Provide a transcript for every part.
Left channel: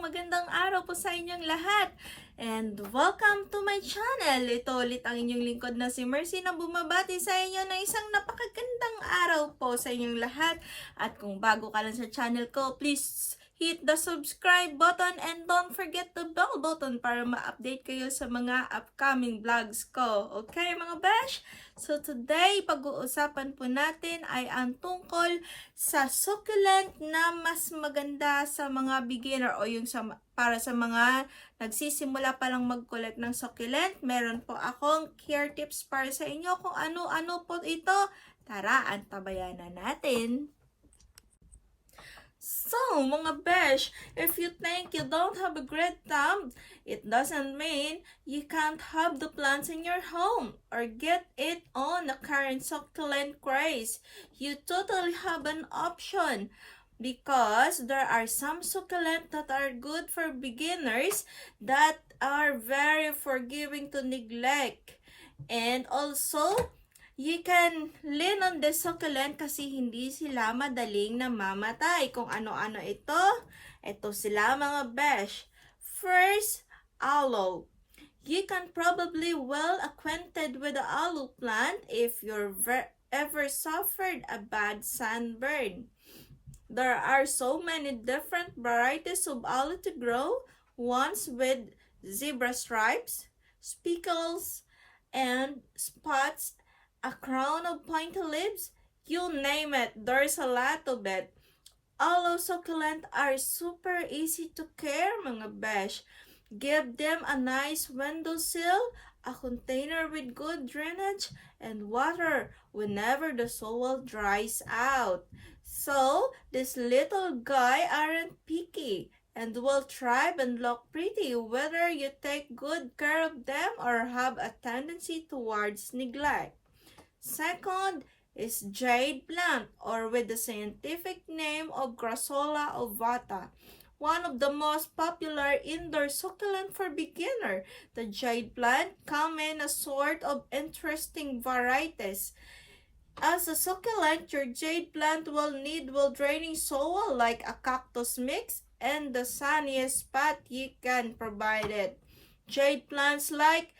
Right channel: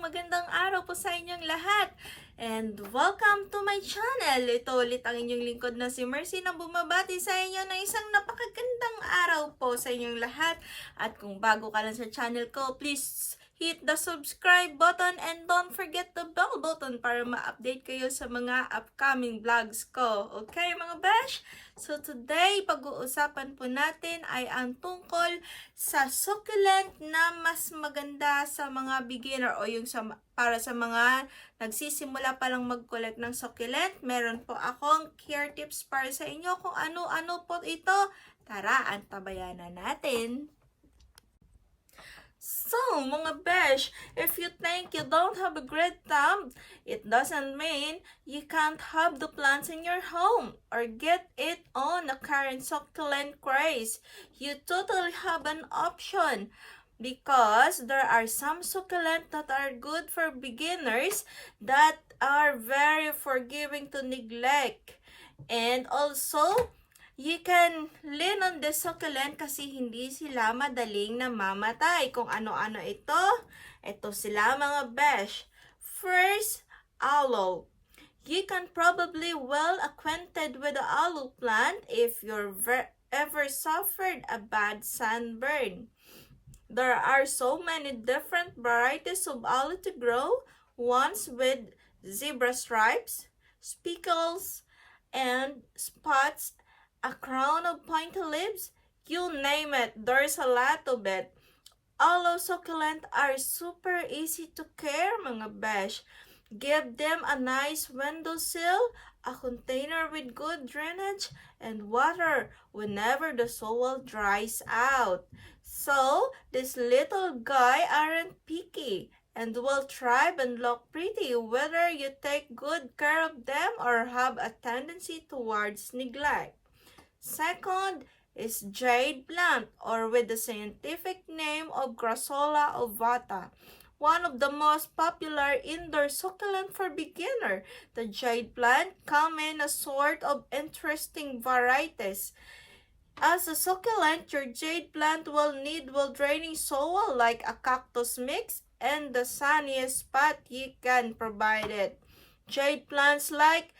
magandang araw po sa inyong lahat. And welcome to my channel. Ito ulit ang inyong lingkod na si Mercy na bumabati sa inyo na isang napakagandang araw po sa inyong lahat. At kung bago ka lang sa channel ko, please hit the subscribe button and don't forget the bell button para ma-update kayo sa mga upcoming vlogs ko. Okay mga besh? So today, pag-uusapan po natin ay ang tungkol sa succulent na mas maganda sa mga beginner o yung para sa mga nagsisimula pa lang mag-collect ng succulent. Meron po akong care tips para sa inyo kung ano-ano po ito. Tara, antabayan na natin. So, mga besh, if you think you don't have a great thumb, it doesn't mean you can't have the plants in your home or get it on the current succulent craze. You totally have an option because there are some succulent that are good for beginners that are very forgiving to neglect. And also, you can lean on the succulent kasi hindi sila madaling namamatay. Kung ano-ano ito, ito sila mga besh. First, aloe. You can probably well acquainted with the aloe plant if you're ever suffered a bad sunburn. There are so many different varieties of aloe to grow, ones with zebra stripes, speckles, and spots, a crown of pointy leaves, you name it, there's a lot of it. Aloe succulent are super easy to care, mga besh. Give them a nice windowsill, a container with good drainage, and water whenever the soil dries out. So, this little guy aren't picky and will thrive and look pretty whether you take good care of them or have a tendency towards neglect. Second is jade plant, or with the scientific name of Grassola ovata, one of the most popular indoor succulent for beginner. The jade plant come in a sort of interesting varieties. As a succulent, your jade plant will need well-draining soil like a cactus mix and the sunniest spot you can provide it. Jade plants like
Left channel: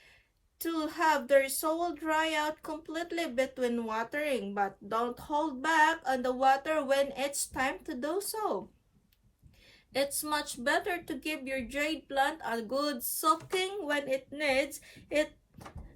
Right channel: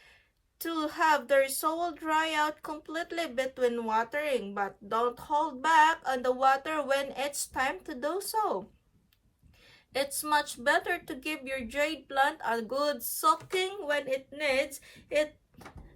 to have their soil dry out completely between watering, but don't hold back on the water when it's time to do so. It's much better to give your jade plant a good soaking when it needs it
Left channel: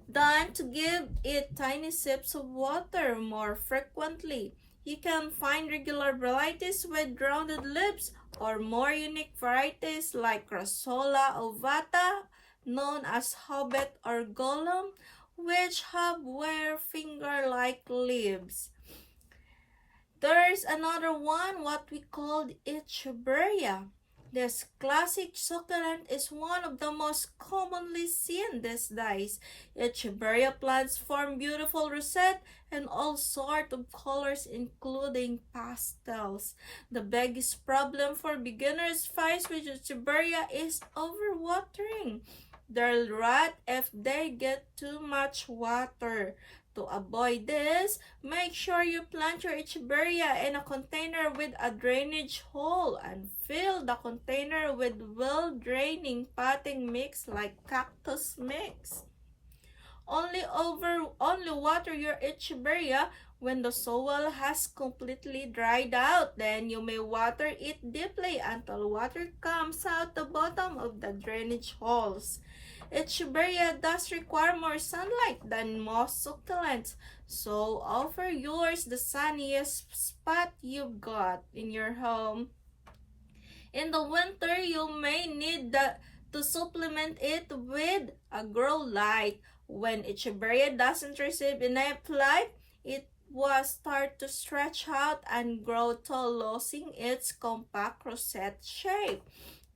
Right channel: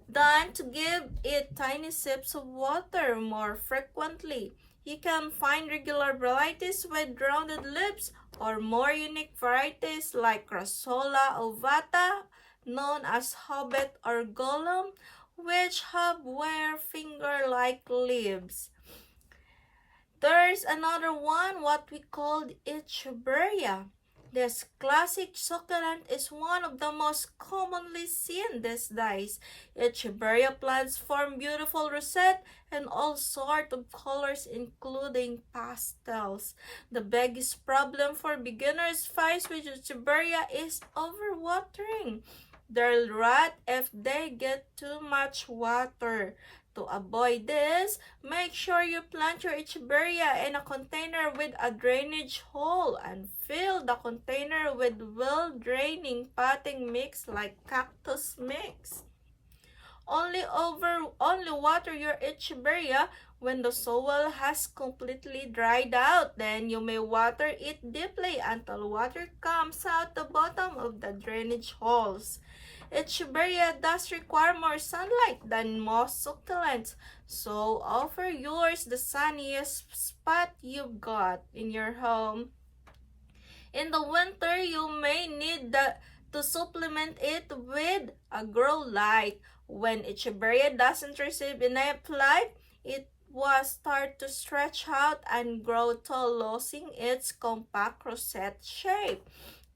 than to give it tiny sips of water more frequently. You can find regular varieties with rounded leaves or more unique varieties like Grassola ovata, known as hobbit or golem, which have wire finger-like leaves. There's another one, what we call echeveria. This classic succulent is one of the most commonly seen these days. Echeveria plants form beautiful rosettes in all sorts of colors, including pastels. The biggest problem for beginners faced with echeveria is overwatering. They'll rot if they get too much water. To avoid this, make sure you plant your echeveria in a container with a drainage hole and fill the container with well-draining potting mix like cactus mix. Only water your echeveria when the soil has completely dried out. Then you may water it deeply until water comes out the bottom of the drainage holes. Echeveria does require more sunlight than most succulents, so offer yours the sunniest spot you've got in your home. In the winter, you may need to supplement it with a grow light. When echeveria doesn't receive enough light, it will start to stretch out and grow tall, losing its compact rosette shape.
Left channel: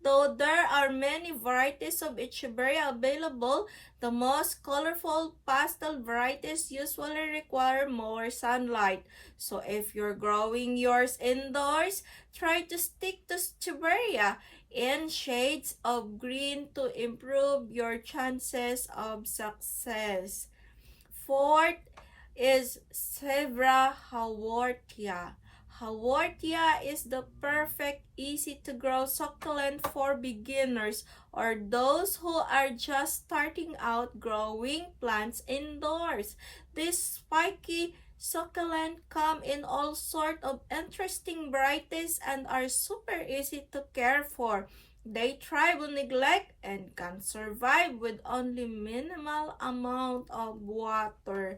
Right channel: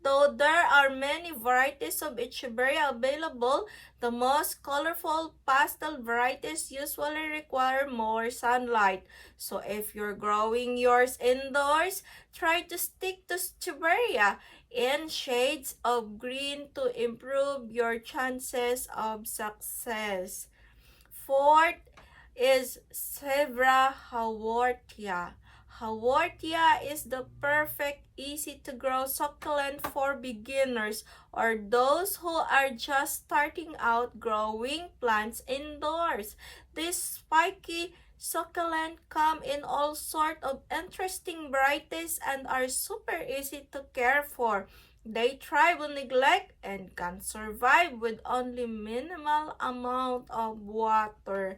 Though there are many varieties of echeveria available, the most colorful pastel varieties usually require more sunlight. So if you're growing yours indoors, try to stick to echeveria in shades of green to improve your chances of success. Fourth is Sevra haworthia. Haworthia is the perfect, easy-to-grow succulent for beginners or those who are just starting out growing plants indoors. This spiky succulent come in all sorts of interesting varieties and are super easy to care for. They thrive on neglect and can survive with only minimal amount of water.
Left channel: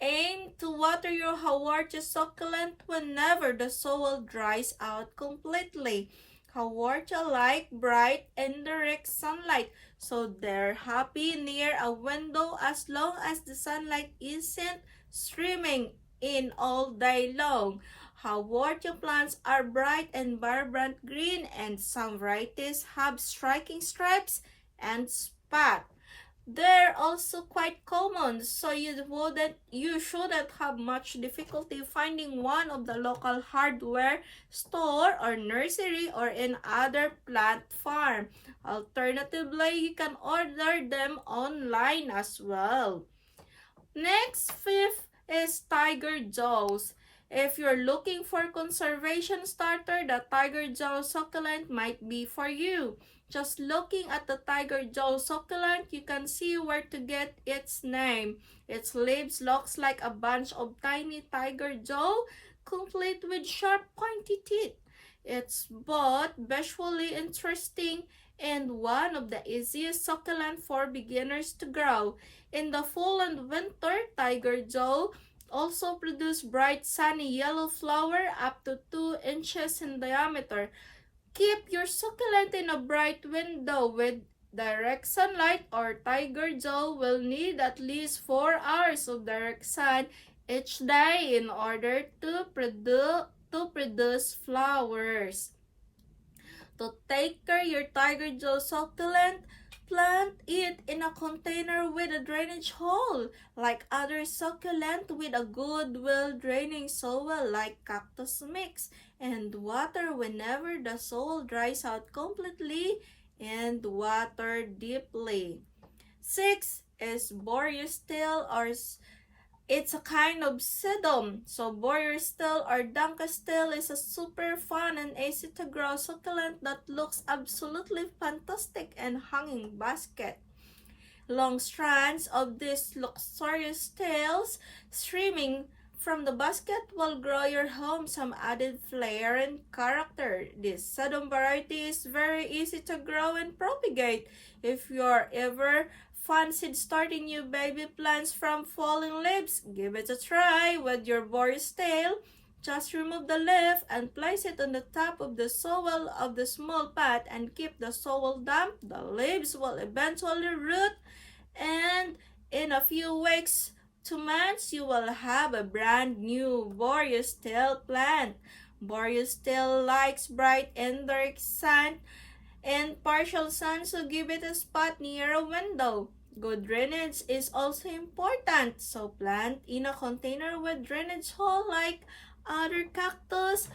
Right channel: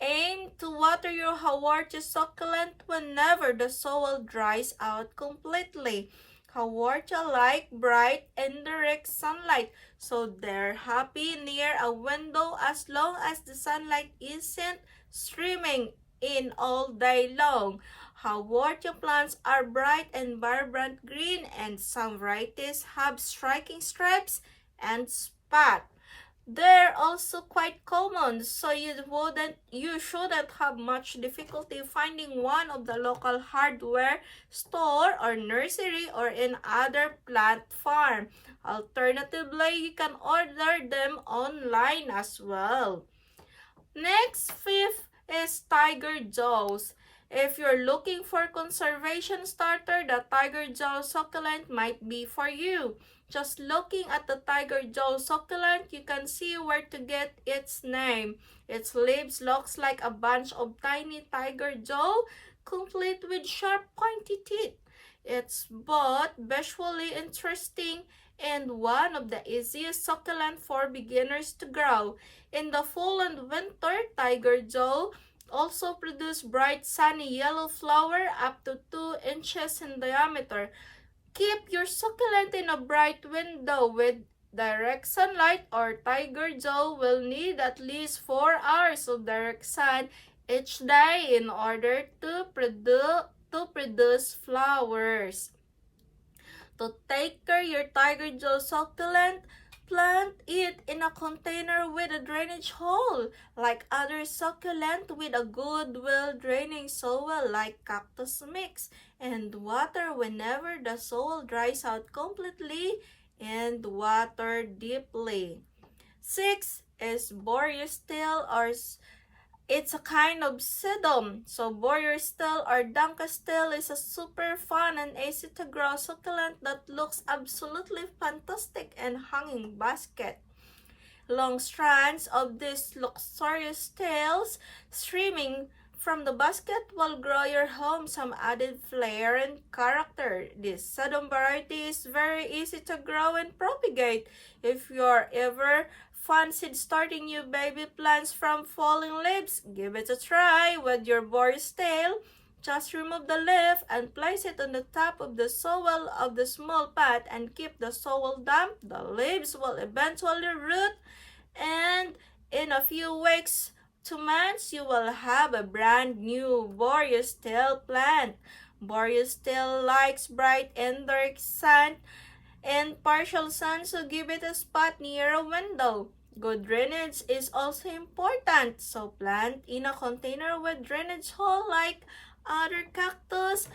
Aim to water your Haworthia succulent whenever the soil dries out completely. Haworthia like bright and direct sunlight, so they're happy near a window as long as the sunlight isn't streaming in all day long. Haworthia plants are bright and vibrant green, and some varieties have striking stripes and spots. They're also quite common, so you shouldn't have much difficulty finding one of the local hardware store or nursery or in other plant farm. Alternatively, you can order them online as well. Next, fifth is Tiger Jaws. If you're looking for conservation starter, the Tiger Jaw succulent might be for you. Just looking at the Tiger Jaw succulent, you can see where to get its name. Its leaves looks like a bunch of tiny tiger jaw, complete with sharp pointy teeth. It's both visually interesting and one of the easiest succulent for beginners to grow. In the fall and winter, Tiger Jaw also produce bright sunny yellow flower up to 2 inches in diameter. Keep your succulent in a bright window with direct sunlight, or Tiger Jaw will need at least 4 hours of direct sun each day in order to produce flowers. To take care your Tiger Jaw succulent, plant it in a container with a drainage hole, like other succulent with a good well-draining soil like cactus mix, and water whenever the soil dries out completely and water deeply. 6 is boreastil, or it's a kind of sedum. So boreastil or dunkastil is a super fun and easy to grow succulent that looks absolutely fantastic in hanging basket. Long strands of these luxurious tails streaming from the basket will grow your home some added flair and character. This sedum variety is very easy to grow and propagate. If you're ever fancied starting new baby plants from falling leaves, give it a try with your boreastil. Just remove the leaf and place it on the top of the soil of the small pot and keep the soil damp. The leaves will eventually root, and in a few weeks to months, you will have a brand new boreastil plant. Boreastil likes bright and dark sun and partial sun, so give it a spot near a window. Good drainage is also important, so plant in a container with drainage hole like other cactus,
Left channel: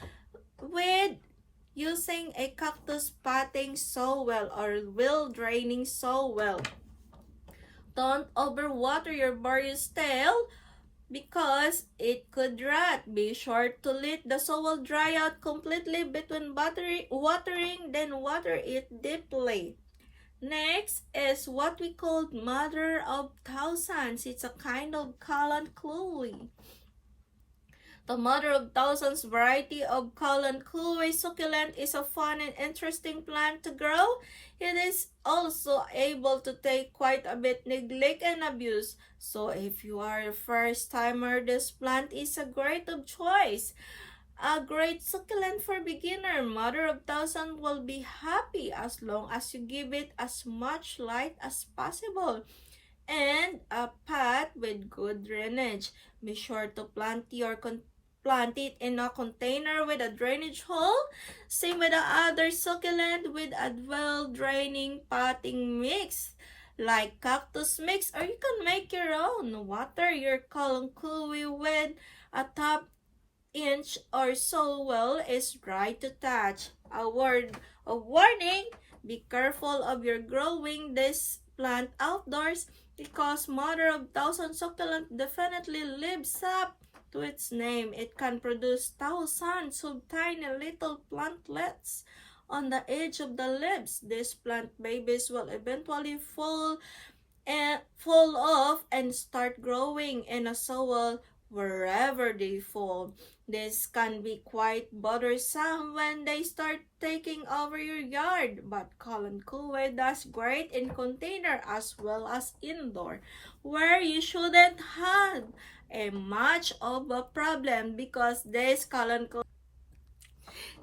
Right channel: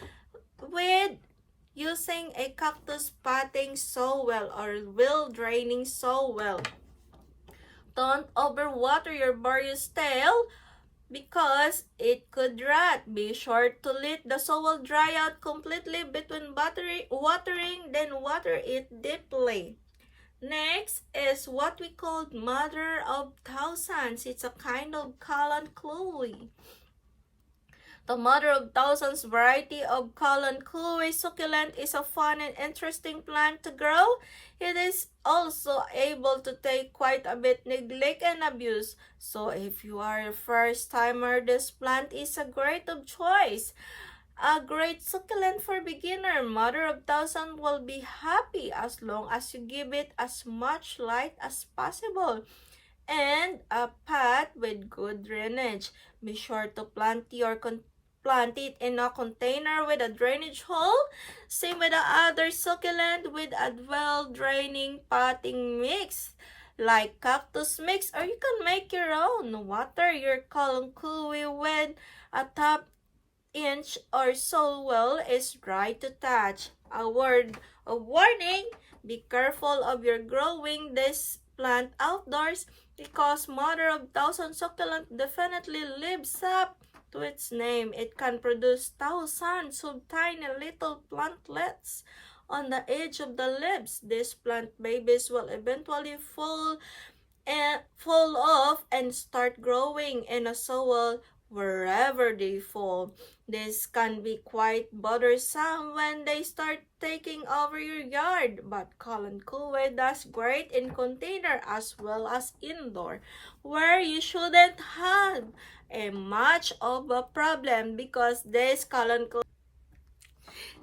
with using a cactus potting soil or well draining soil. Don't overwater your boreastil because it could rot. Be sure to let the soil dry out completely between watering, then water it deeply. Next is what we call Mother of Thousands. It's a kind of kalanchoe. The Mother of Thousands variety of kalanchoe succulent is a fun and interesting plant to grow. It is also able to take quite a bit neglect and abuse. So if you are a first timer, this plant is a great of choice. A great succulent for beginner. Mother of Thousands will be happy as long as you give it as much light as possible and a pot with good drainage. Be sure to plant it in a container with a drainage hole. Same with the other succulent with a well-draining potting mix like cactus mix, or you can make your own. Water your kalanchoe with a top inch or so well is dry to touch. A word of warning: be careful of your growing this plant outdoors because Mother of Thousands succulent definitely lives up to its name. It can produce thousands of tiny little plantlets on the edge of the leaves. These plant babies will eventually fall off and start growing in a soil wherever they fall. This can be quite bothersome when they start taking over your yard, but Kalankuwe does great in container as well as indoor, where you shouldn't have a much of a problem because this Kalankuwe.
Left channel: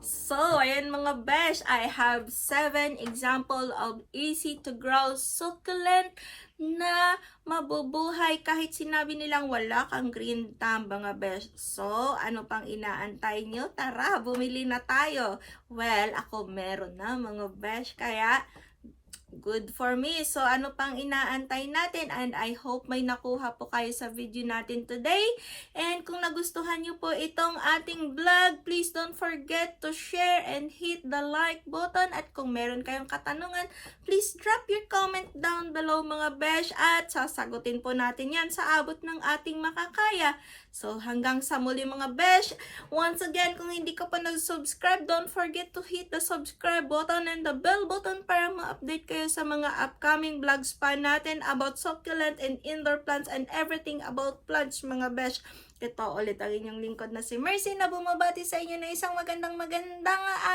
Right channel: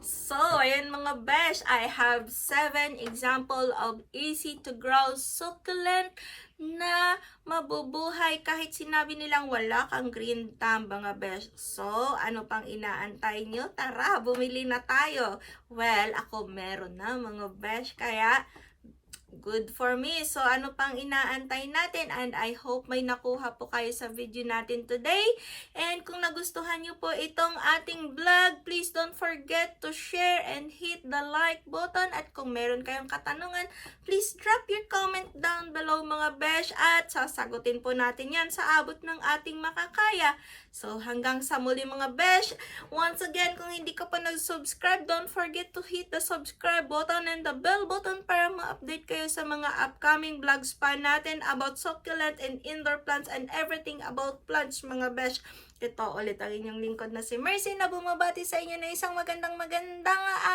So, ayan mga besh, I have 7 example of easy to grow succulent na mabubuhay kahit sinabi nilang wala kang green thumb mga besh. So, ano pang inaantay nyo? Tara, bumili na tayo. Well, ako meron na mga besh, kaya good for me. So, ano pang inaantay natin? And I hope may nakuha po kayo sa video natin today. And kung nagustuhan nyo po itong ating vlog, please don't forget to share and hit the like button. At kung meron kayong katanungan, please drop your comment down below mga besh. At sasagutin po natin yan sa abot ng ating makakaya. So, hanggang sa muli mga besh. Once again, kung hindi ka pa nag-subscribe, don't forget to hit the subscribe button and the bell button para ma-update kayo sa mga upcoming vlogs pa natin about succulent and indoor plants and everything about plants mga besh. Ito ulit ang inyong lingkod na si Mercy na bumabati sa inyo na isang magandang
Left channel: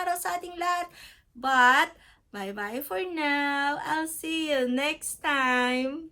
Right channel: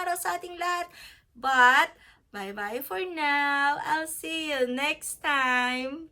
araw sa ating lahat. But, bye-bye for now. I'll see you next time.